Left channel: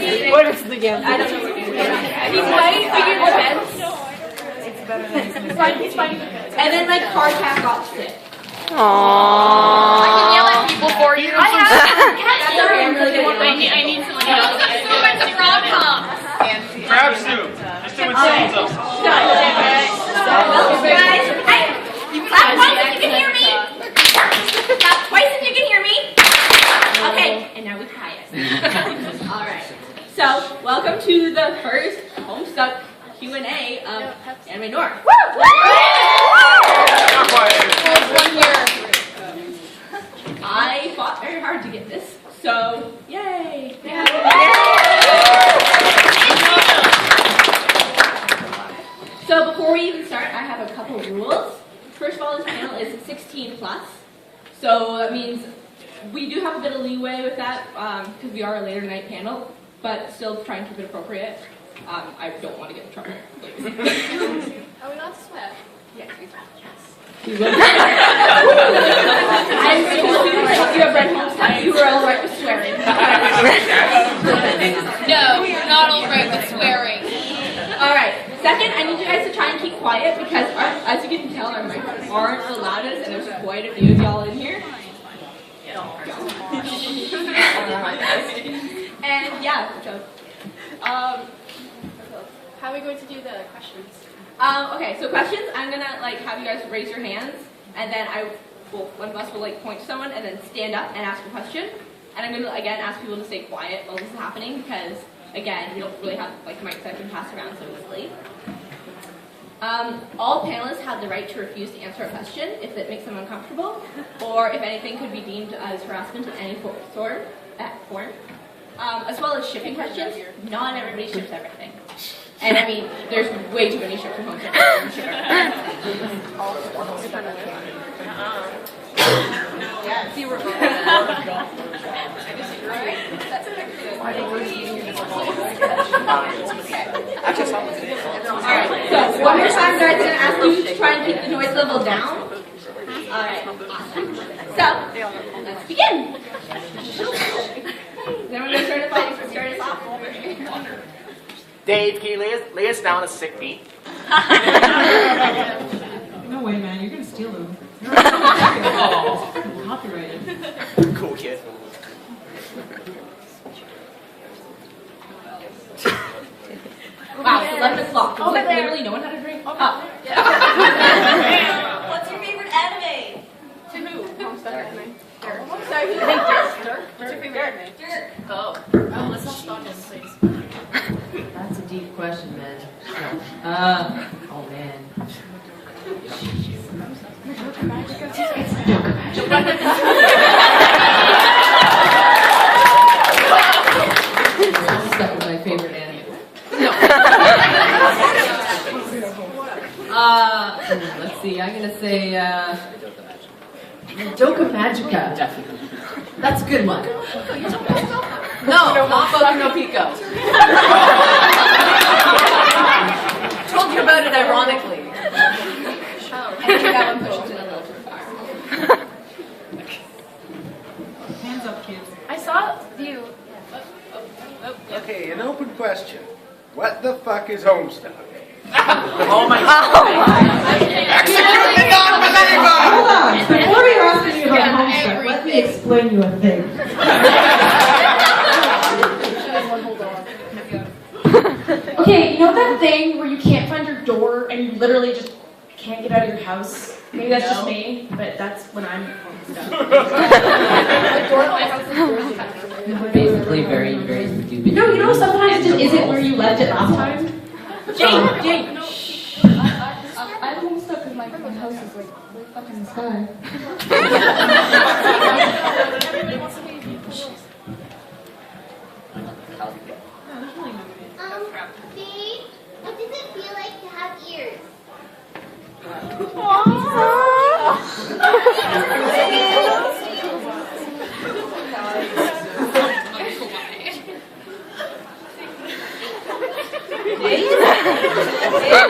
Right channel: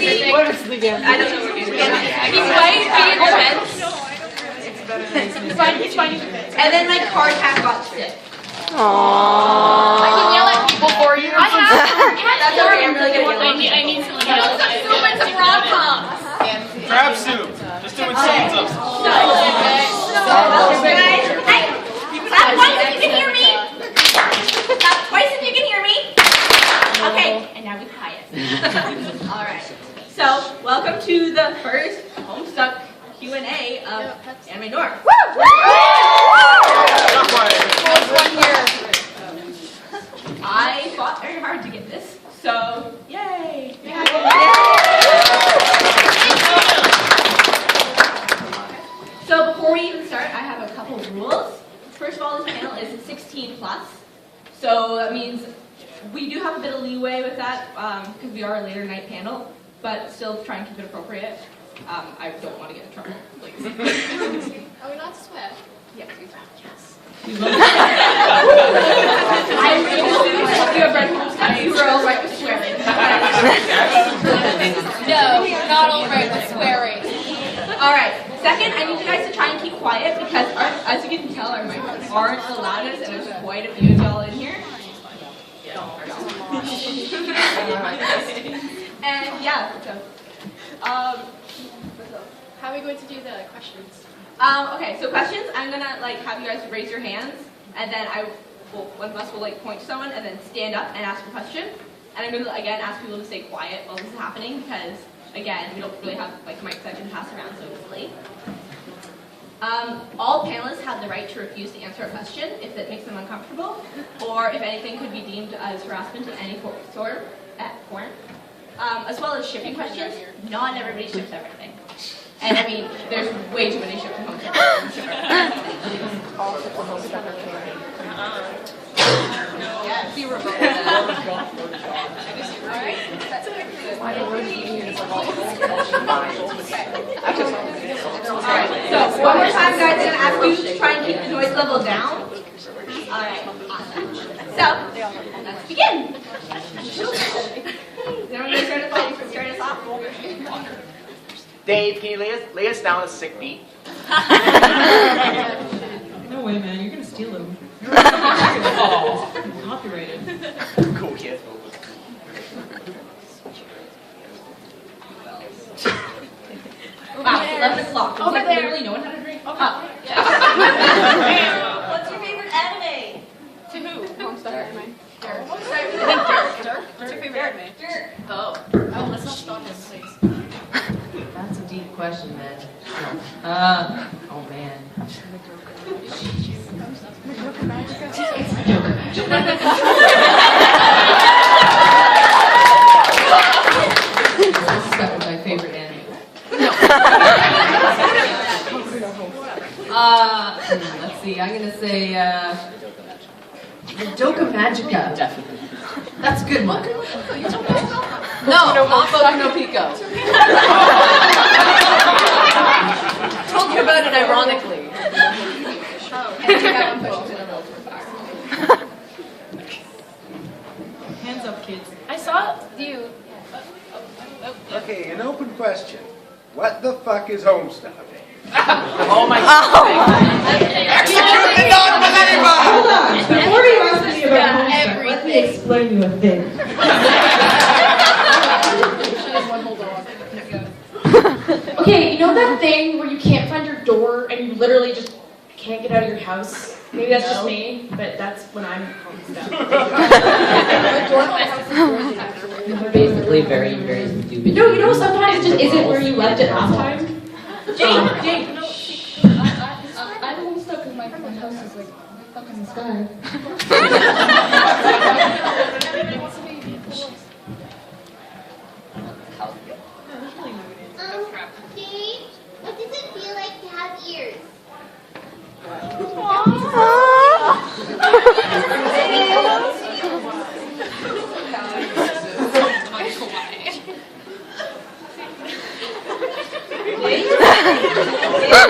What is the game? I don't know what it is. He's white, being red. It's better than He's fine. And then my card cap got stick. Aww. I can yell at people for you. I have. That's okay. I'm really good at yelling. I need someone else. It's a rom-com. Crab soup. Just doing thumbs up. Guys, clap twice if you can hear me. Clap twice if you can hear me. Okay, and now we quiet. All right. So, welcome to the first Homestuck Q&A of Anime North. Woo! I fought very hard to get this, so yay! So before we even start, I have a couple of rules. First of all, this panel is 16 plus, so that means we do have a bit of leeway with that because we are a later night panel, but still try and keep it appropriate. I don't want to get in trouble, please. Are we not to sweat? Yes. I'm going to assume that you have read Homestuck, you were all right with swearing. No, not all right with swearing. Alright, second, I need you guys to try and keep quiet because as you can tell, our mics aren't the loudest and there's quite a few of y'all in here. And yeah, so, How are we going to do the questions? okay, so questions, I'm gonna have you guys raise your hands and then one of us will point to someone and then stand up and ask a question. And I'm gonna again ask people to stay quiet while this is happening because again, we don't really have mics that can pass around so easily. All panelists have the right to refuse to answer a question if it makes them uncomfortable, or if anything could be deemed as harassment in any form, as well as shipping questions. Not everybody ships everything. And I mean, there's way too many ships at home. Alright, so one more time, guys, I'm going to ask you to try and keep the noise level down. Alright, awesome. So, let's begin. Is everyone going to start us off? Dave, can you lay us down a sick beat? No way, man. You're going to steal them. You're copyrighted. Cool kid. Wow, 11 o'clock. Over there. Literally no one had a drink? Oh. What's your favorite anime? To who? Homestuck. Dirk. Dirk? What's your favorite anime? Dirk. Oh, let's not stop him, please. That's a deep question, man. Oh, man. Homestuck is my favorite anime. No. Let's see. I'm gonna say Doka Magica. That's a good one. No, not Boku no Pico. Told you about it ironically. Hands up, kids. I saw you. Okay, an open question. What the fuck is Homestuck? Oh my god. Hold on. Before you ask me about Homestuck, let me explain you a thing. Okay, you know that thing where you can't find your door and you literally just can't get out of your house? Maybe that's just me, but that's when I'm Homestuck. Basically, very, very stupid. No, you know sometimes it just isn't where you left it last time. Jake! I'm Homestuck because my house is way up in the sky. Dave, what does it feel like to have ears?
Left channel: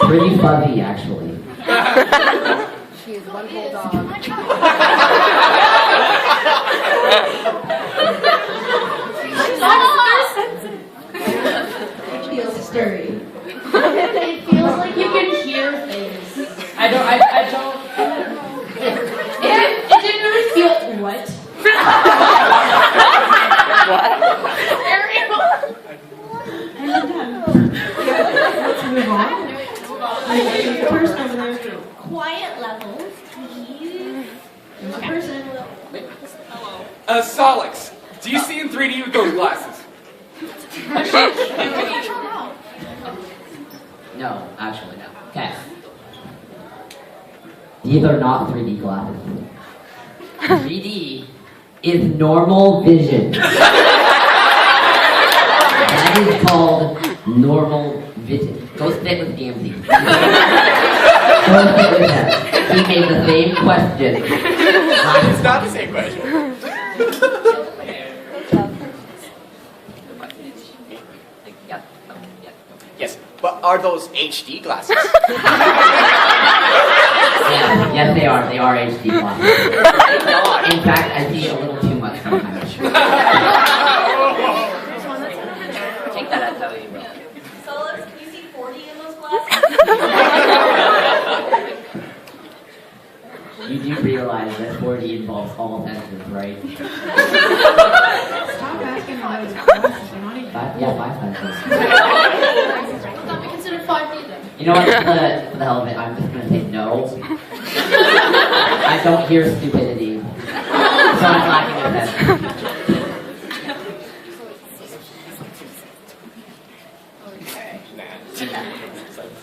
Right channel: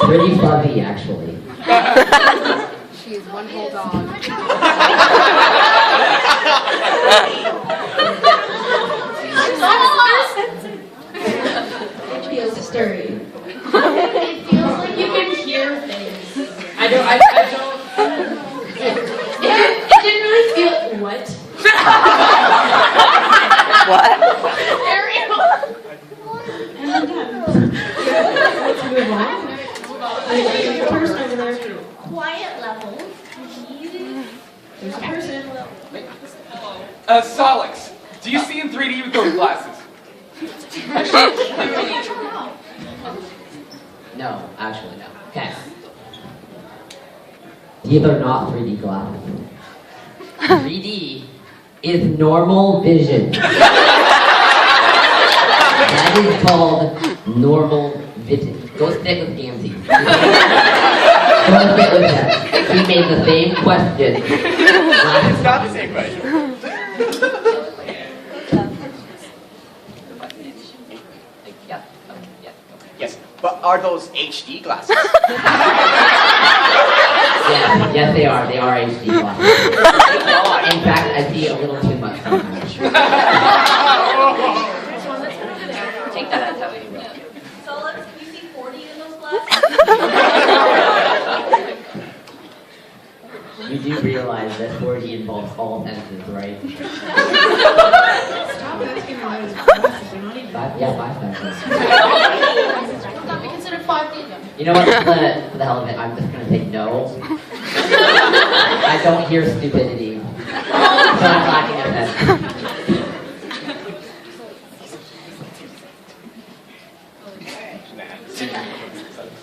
Pretty fluffy, actually. She is one whole dog. stirry. It feels like You can hear things. I don't. It didn't really feel what. Let's move on. There's a person over there. quiet levels, please. There's a person. Solix, do you see in 3D with those glasses? No, actually no. Okay. These are not 3D glasses. 3D is normal vision. That is called normal vision. Go sit with Gamzee. Go sit with him. He made the same question. It's not the same question. Yes, but are those HD glasses? Yes, they are. They are HD glasses. In fact, I see a little too much sometimes. Take that as how you will. Solix, can we see 40 in those glasses? You do realize that 4D involves all senses, right? Stop asking about his glasses. They're not even. Five senses. Would that be considered 5D then? You know what? For the hell of it, I'm just gonna say no. I don't hear stupidity, so I'm lacking a sense.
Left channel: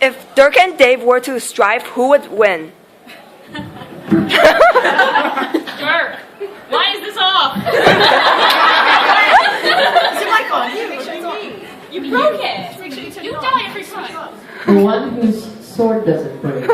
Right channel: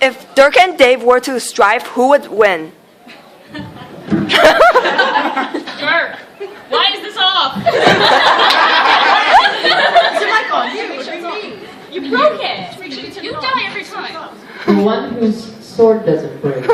If Dirk and Dave were to strive, who would win? Dirk, why is this off? Is it mic on? You, You broke it. you die every time. The one whose sword doesn't break.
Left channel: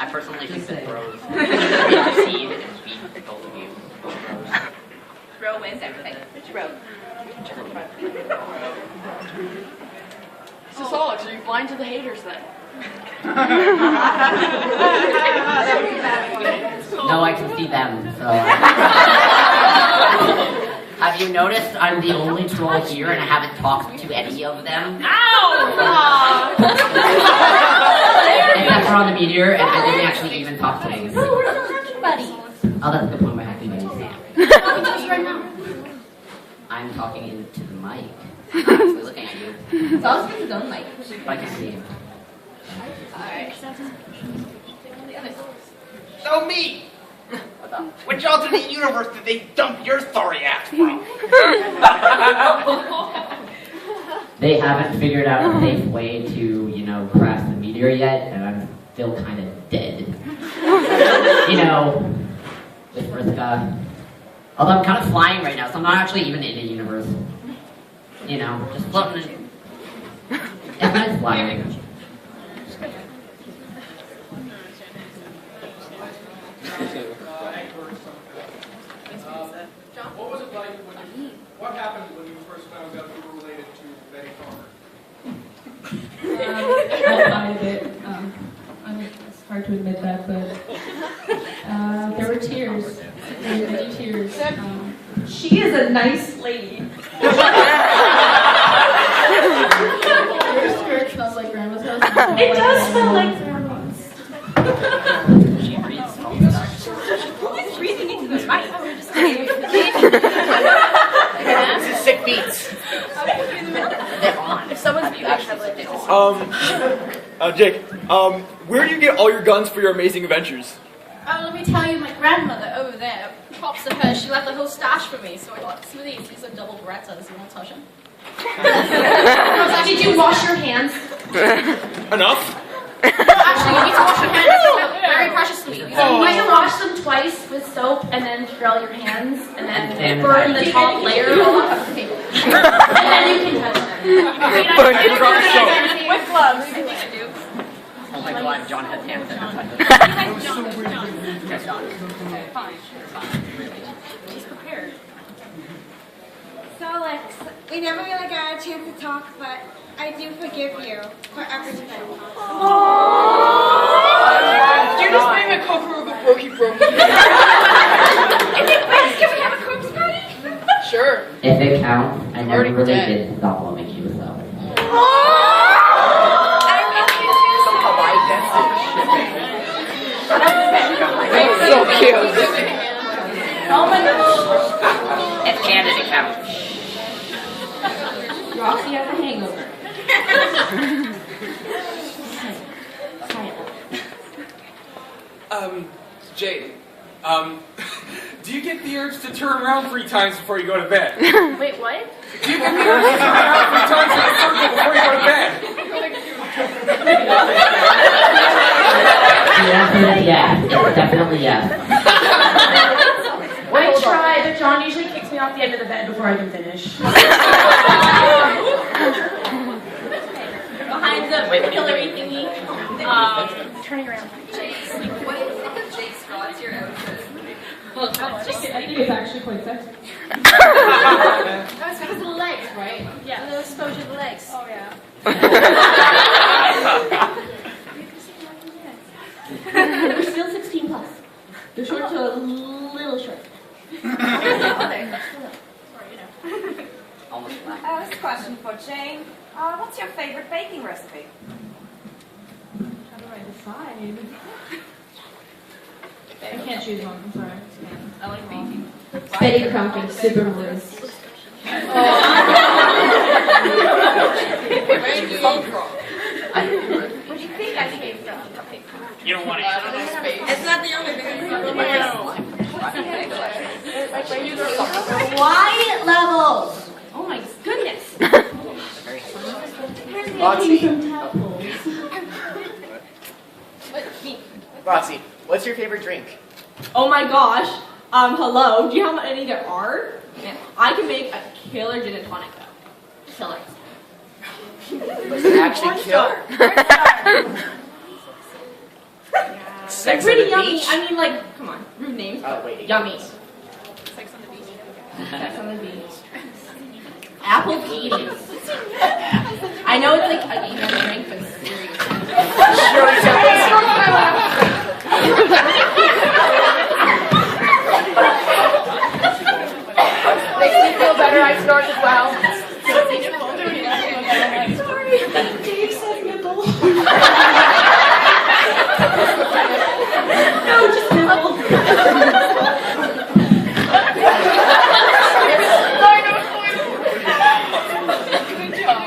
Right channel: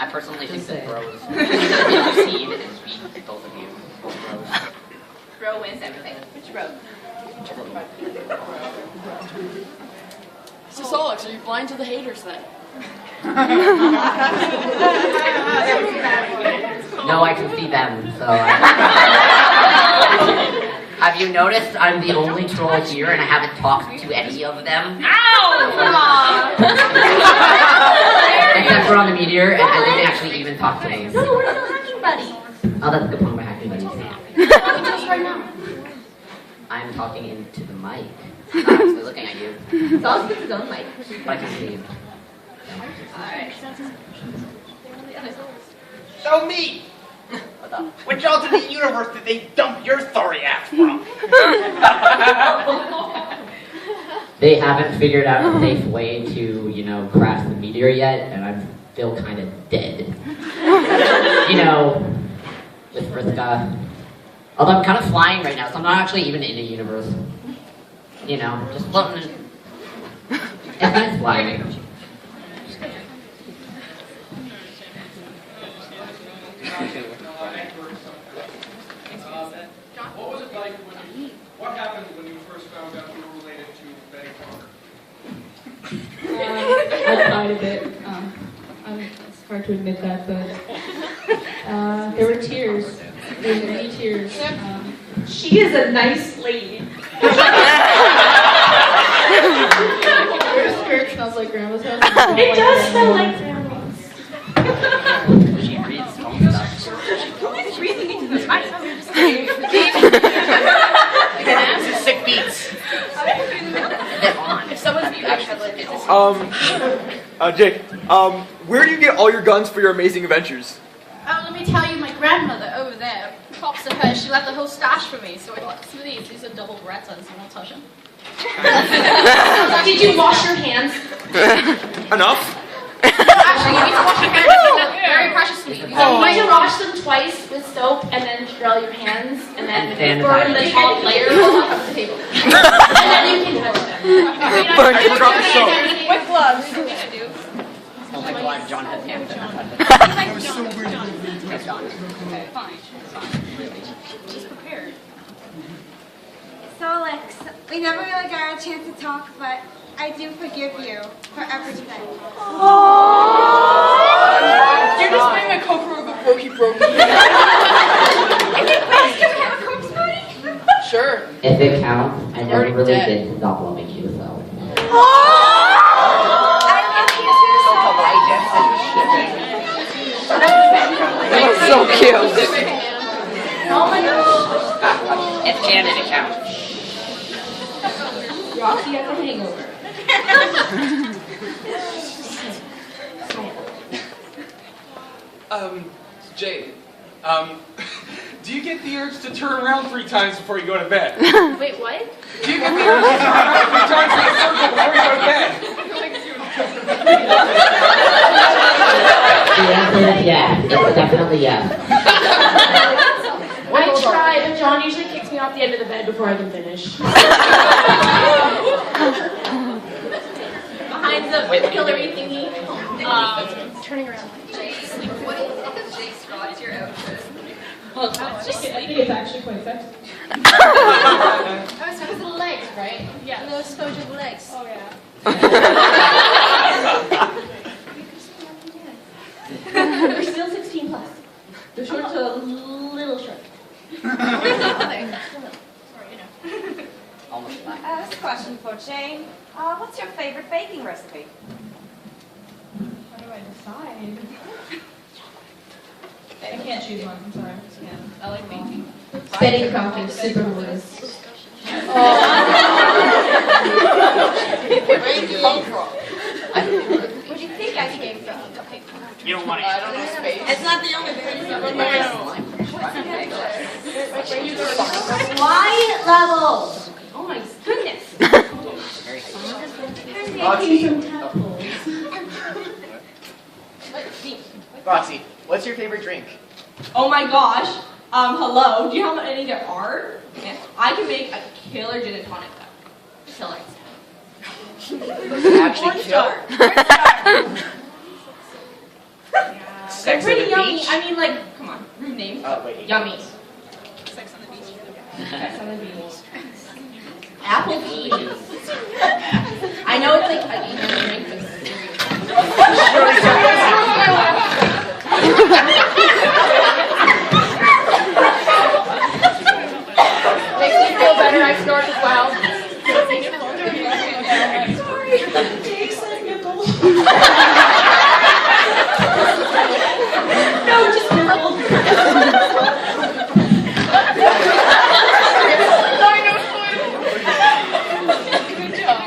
I personally think that bros succeed and beat both of you. Both bros. Bro wins everything. Which bro? So Solix, are you blind to the haters then? No, I can see them, so Have you noticed I'm the only troll here and I haven't talked to any of them? Except for on the meteor, and I didn't actually even talk to them. So where's the hacking buddy? Oh, that's a good point, my hacking buddies. What he does right now? I'm talking into the mic. I'm not actually looking at you, Solix gets his own mic. but I can see you. Alright. So me! What's up? Which alternate universe did they dump your sorry ass from? They haven't figured out a safe way to, crash the meteor yet, and I'm still kind of dead. With Vriska. Although I'm kind of flying right now, so I'm not actually even in a universe. Just floating in. It's nice flying. What happened when you first found out you were related to Betty Connor? Outside of it, it's hard to admit that, but there were tears. There were many tears. She is a nice lady. Your skirt smells like grandma's house. It does smell like grandma's. She reads Homestuck. This is sick beats. They're on. If someone's Jake, where do you get all your guns for your amazing adventures? Oh, let me tell you, my grandmother over there, props to her, she left a whole stash for me, so I got some of these. These are double Berettas, you want to touch them? Did you wash your hands? Enough? No, actually, you need to wash your hands. Very precious sweet. You might wash them twice with soap and then grill your hands and then burn the top layer off the table. And then you can touch them. With gloves. Oh my god, John has hands that are touching. Yes, John. Okay. Fine. Really. She's prepared. Solix, we never really got a chance to talk, but I do forgive you for everything. Do you just bring a co-crew of a brokey brokey? Is it best? Can we have a corpse party? If it counts, I never Already really dead. did stop loving you, so. That's so cute. Oh my gosh. If Canada counts. Roxy has a hangover. Jade, do you get the urge to turn around 3 times before you go to bed? Wait, what? Do you get the urge to turn around 3 times in a circle before you go to bed? The answer is yes. It's definitely yes. I try, but John usually kicks me off the end of the bed before I can finish. Behind the pillory thingy. Turning around. I think it's actually quite sexy. Oh, it's because of the legs, right? Yeah. The exposure of the legs. Oh, yeah. They're still 16 plus. They're short to a little short. Sorry, you know. Almost flat. This question for Jane. What's your favorite baking recipe? How do I decide? I can't choose one. I'm sorry. I like baking. Spinning coffee, super delicious. What do you think I gave you? Okay. You don't want to It's not the only thing. Wide levels. Oh my goodness. Roxy, what's your favorite drink? Oh my gosh. Hello. Do you know how many there are? I can make a killer gin and tonic though. Killer. Does it actually kill? They're Sex on pretty the yummy. beach? I mean, like, come on, rude names. Oh, wait. Yummy. Sex on the beach. Sex on the beach. Apple peas. I know it's like an emo drink, but Makes me feel better. I snort as well. Dave said nipple. no, just nibble.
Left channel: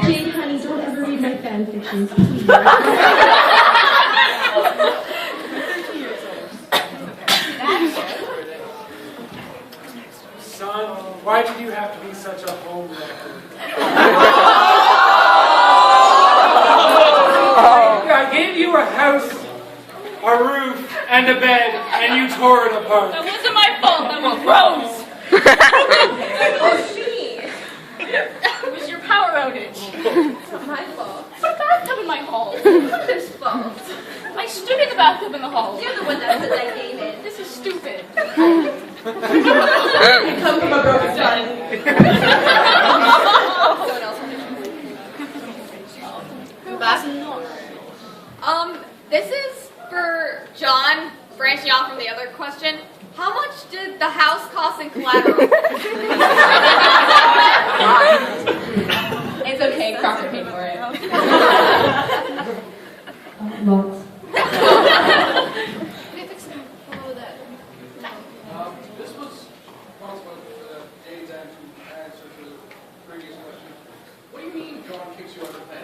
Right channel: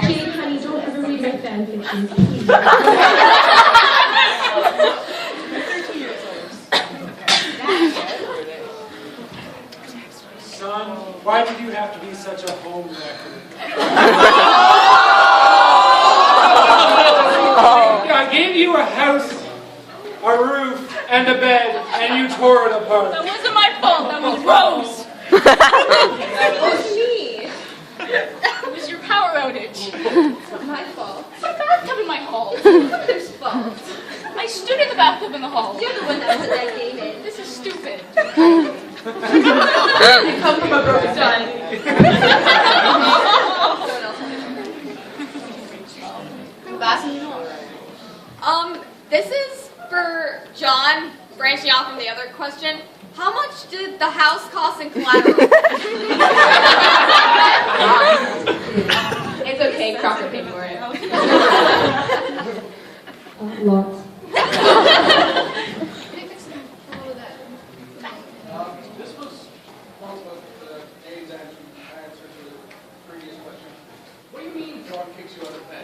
Jane, honey, don't ever read my fan fiction. Son, why did you have to be such a homewrecker? I gave you a house, a roof, and a bed, and you tore it apart. That wasn't my fault. That was Rose. Oh, me. It was your power outage. It's not my fault. Put a bathtub in my hall. Whose fault? I stood in the bathtub in the hall. You're the one that put that game in. This is stupid. I come from a broken time. This is for John, branching off from the other question. How much did the house cost in collateral? It's okay, Crawford paid for it. Lots. This was one question for the Dave's answer to the previous question. What do you mean John kicks you out of bed?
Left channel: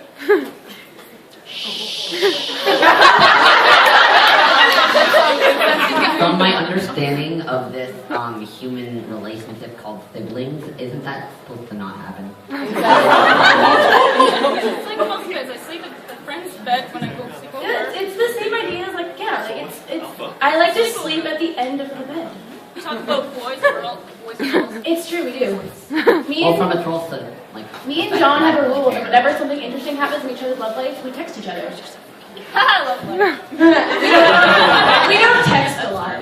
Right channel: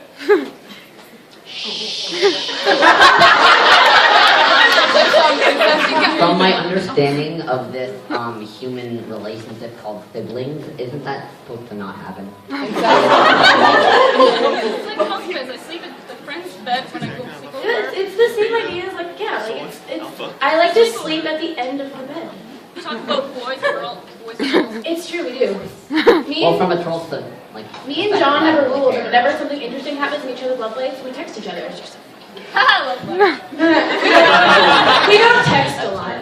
From my understanding of this human relationship called siblings, isn't that supposed to not happen? It's like husbands. I sleep in the friend's bed when I go sleep over. It's the same idea as like, yeah, like it's I like to sleep at the end of the bed. We talk about boys and girls. It's true, we do. Me Well, from and, a troll to, like... me and John have a rule that whenever something interesting happens in each other's love lives, we text each other. I love letters. We don't text a lot.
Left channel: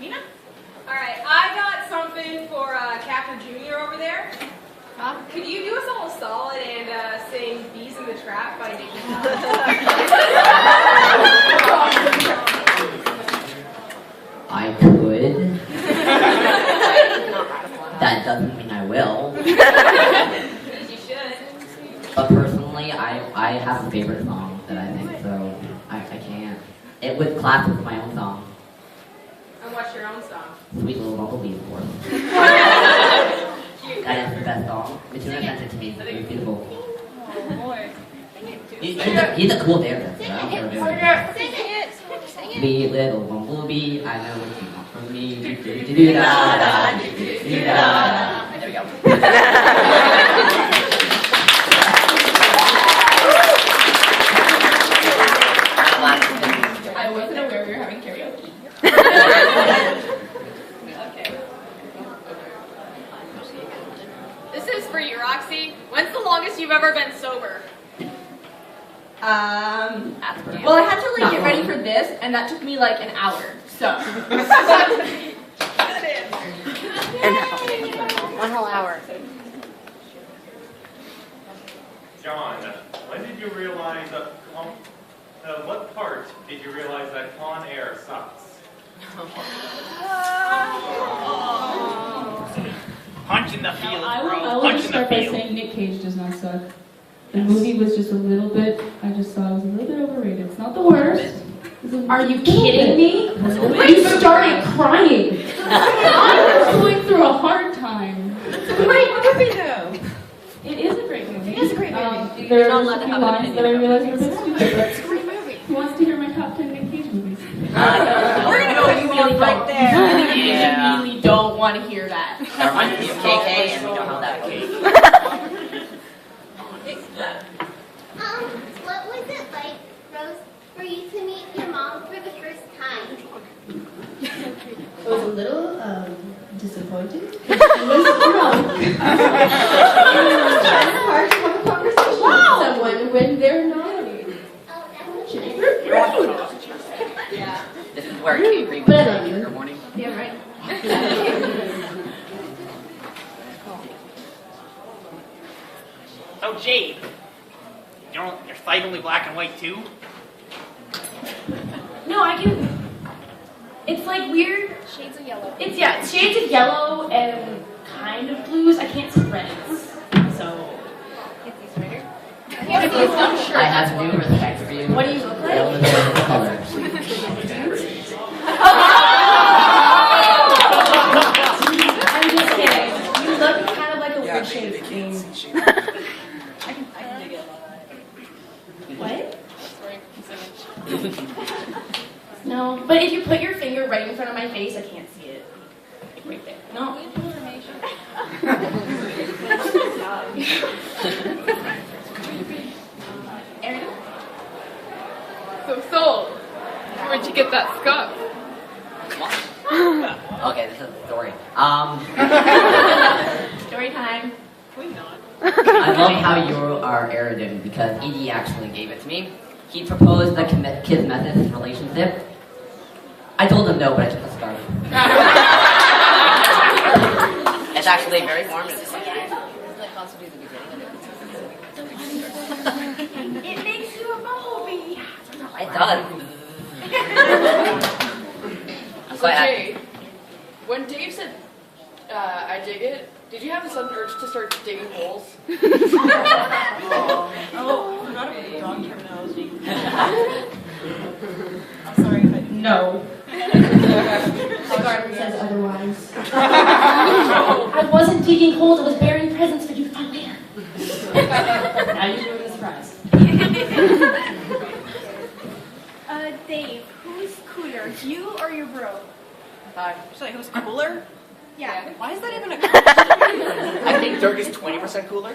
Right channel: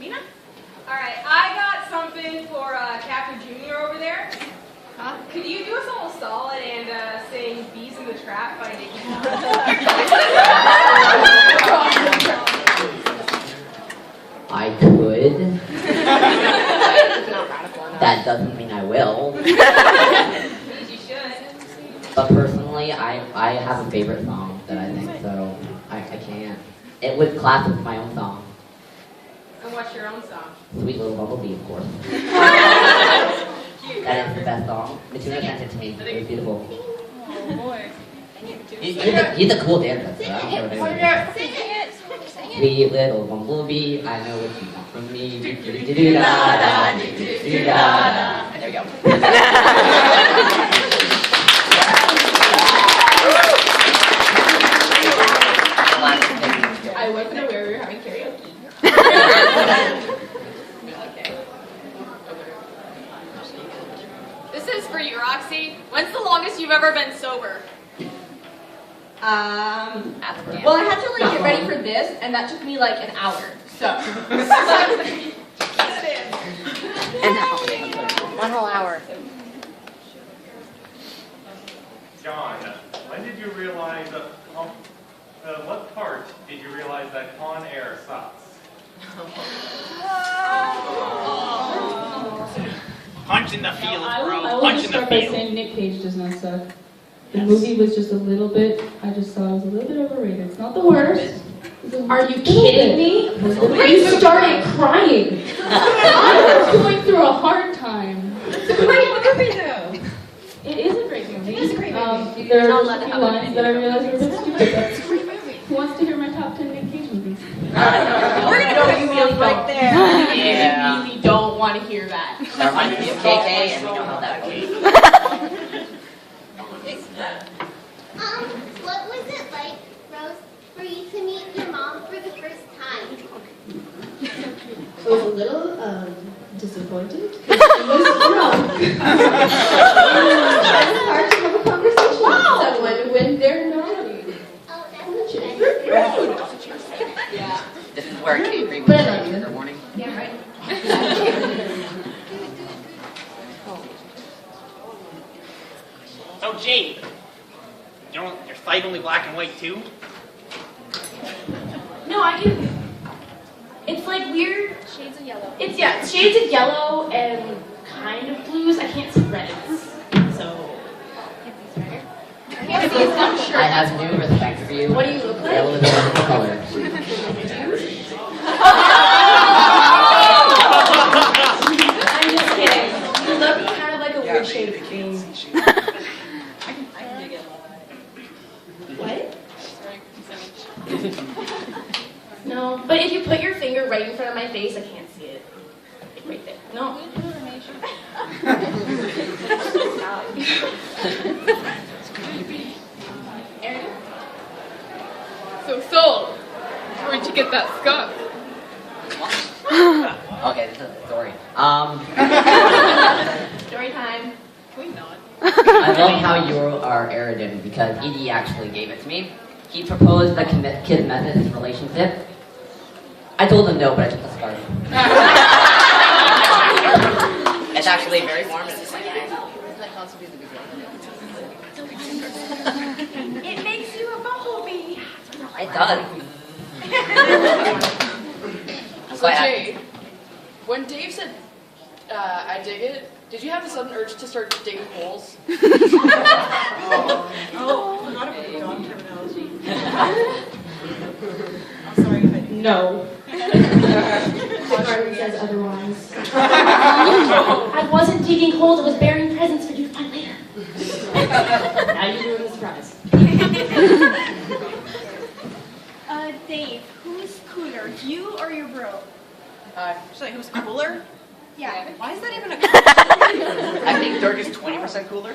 Nina? All right, I got something for Captain Junior over there. Could you do us all a solid and sing "Bees in the Trap" by I could. That doesn't mean I will. You should. But personally, I have a favorite song that I think, so I can't. It would clash with my own song. And what's your own song? Sweet Little Bumblebee, of course. That is the best song. Matuna sent it to me. It was beautiful. Oh boy. He's a cool dancer, so I don't care what they Sing it. Sweet little bumblebee, I know what you want from me. Do-do-do-do-da-da, do-do-do-da-da. There we go. I wasn't aware we were having karaoke. This is for you, Roxy. When's the longest you've ever been sober? Well, I had to like get ready for this, and that took me like an hour. So. An hour. 1 whole hour. John, when did you realize that, what part did you realize that Con Air sucks? Punch in the field, I bro. will Punch just in the start by field. saying Nick Cage does not suck. The movie was just a little bit, I just thought it was a little bit overrated. It's not the worst. Are you kidding me? You started crying. I was going through a hard time. It's a great movie, though. It is a great movie. It is a great movie. There You're not are allowed a to few have an lines that I opinion realized were a bit stupid, It's a but great movie. who wants to hear my top 10 Nick Cage movies? No. We're gonna cut you off right there. Yeah. We really don't want to hear that. That reminds me of KK, and we know how that goes. What was it like, Rose, for you to meet your mom for the first time? I was a little disappointed. She was drunk. It's hard to have a conversation with someone when they're naughty. This is where Kate Green But I was love you. in the morning. Yeah, right. So, Jade, your sight only black and white too? No, I can. It's like weird. Shades of yellow. It's shades of yellow and kind of blues. I can't see reds, so. Can't see his dumb shirt. I have new respect for you. What do you look like? Yellow is the perfect color. I'm just kidding. You look kind of like a weird shade of green. I can dig it. What? Sorry, I'm singing. No, but if you put your finger right in front of my face, I can't see it. Right there. No. Good information. Aaron? So, Soul, where'd you get that scarf? Okay, this is a story. Story time. I love how you are arrogant because Edie actually gave it to me. He proposed the kiss Methodist relationship. I told him no, but I took the scarf. It's actually very formative. It's like, Doesn't that constitute the beginning of It makes you a bumblebee. it does. I'm quite happy. Jade, when Dave said, I dig it, did you have a sudden urge to start digging holes? Oh, not a dog terminology. I'm sorry. No. Garden says otherwise. I wasn't digging holes, I was burying presents for you to find later. Now you ruined the surprise. Dave, who's cooler, you or your bro? Sorry, who's cooler? Yeah. Why is that even a I think Dirk is 20% cooler.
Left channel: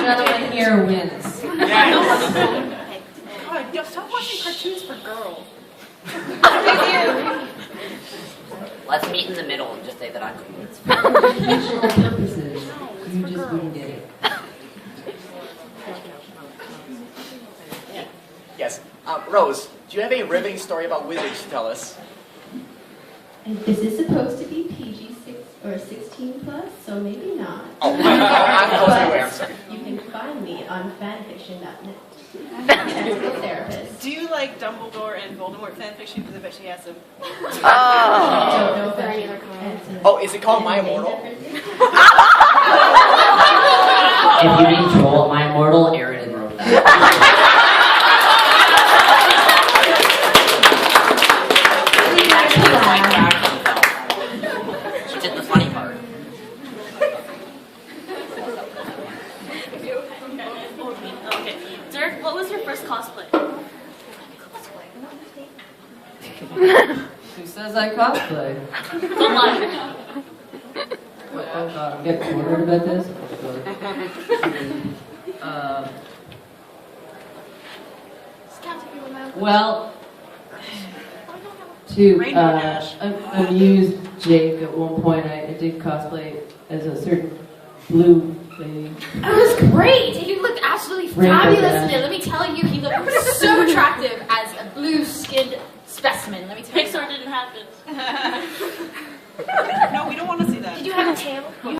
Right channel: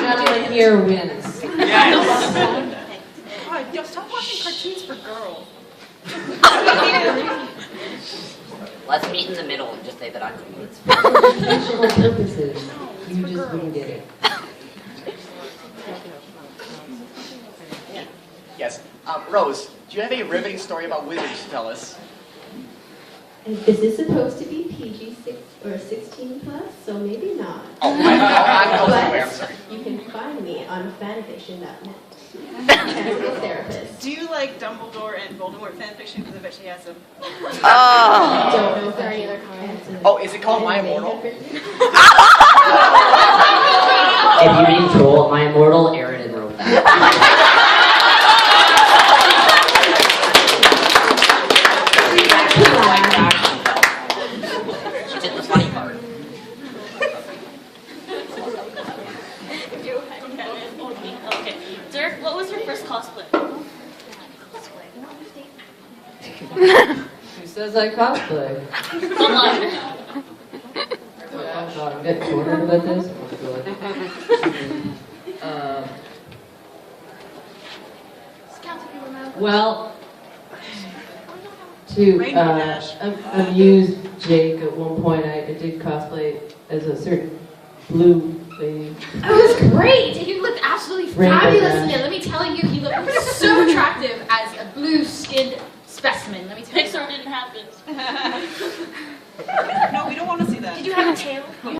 Gentleman here wins. Yes. God, yo, stop watching cartoons for girls. Let's meet in the middle and just say that I'm cool. For educational purposes, you just wouldn't get it. Yes. Rose, do you have a riveting story about wizards to tell us? And this is supposed to be PG-6 or 16 plus, so maybe not. I'm But sorry. you can find me on fanfiction.net. Therapist. Do you like Dumbledore and Voldemort fanfiction? Because I bet she has some. Oh. Don't know if there are any other comments. Oh, is it called My Immortal? If you mean troll, my immortal Aridin wrote that. She actually like that herself. She did the funny part. Okay. Dirk, what was your first cosplay? Who says I cosplay? Don't lie. Wait, oh god, I'm getting cornered about this. Well, to amuse Jake, at one point I did cosplay as a certain blue lady. It was great. He looked absolutely Rainbow fabulous in Dash. it. Let me tell you, he looked so attractive as a blue-skinned specimen. Let me tell you. Pixar didn't have this. No, we don't want to see that. Did you have a tail?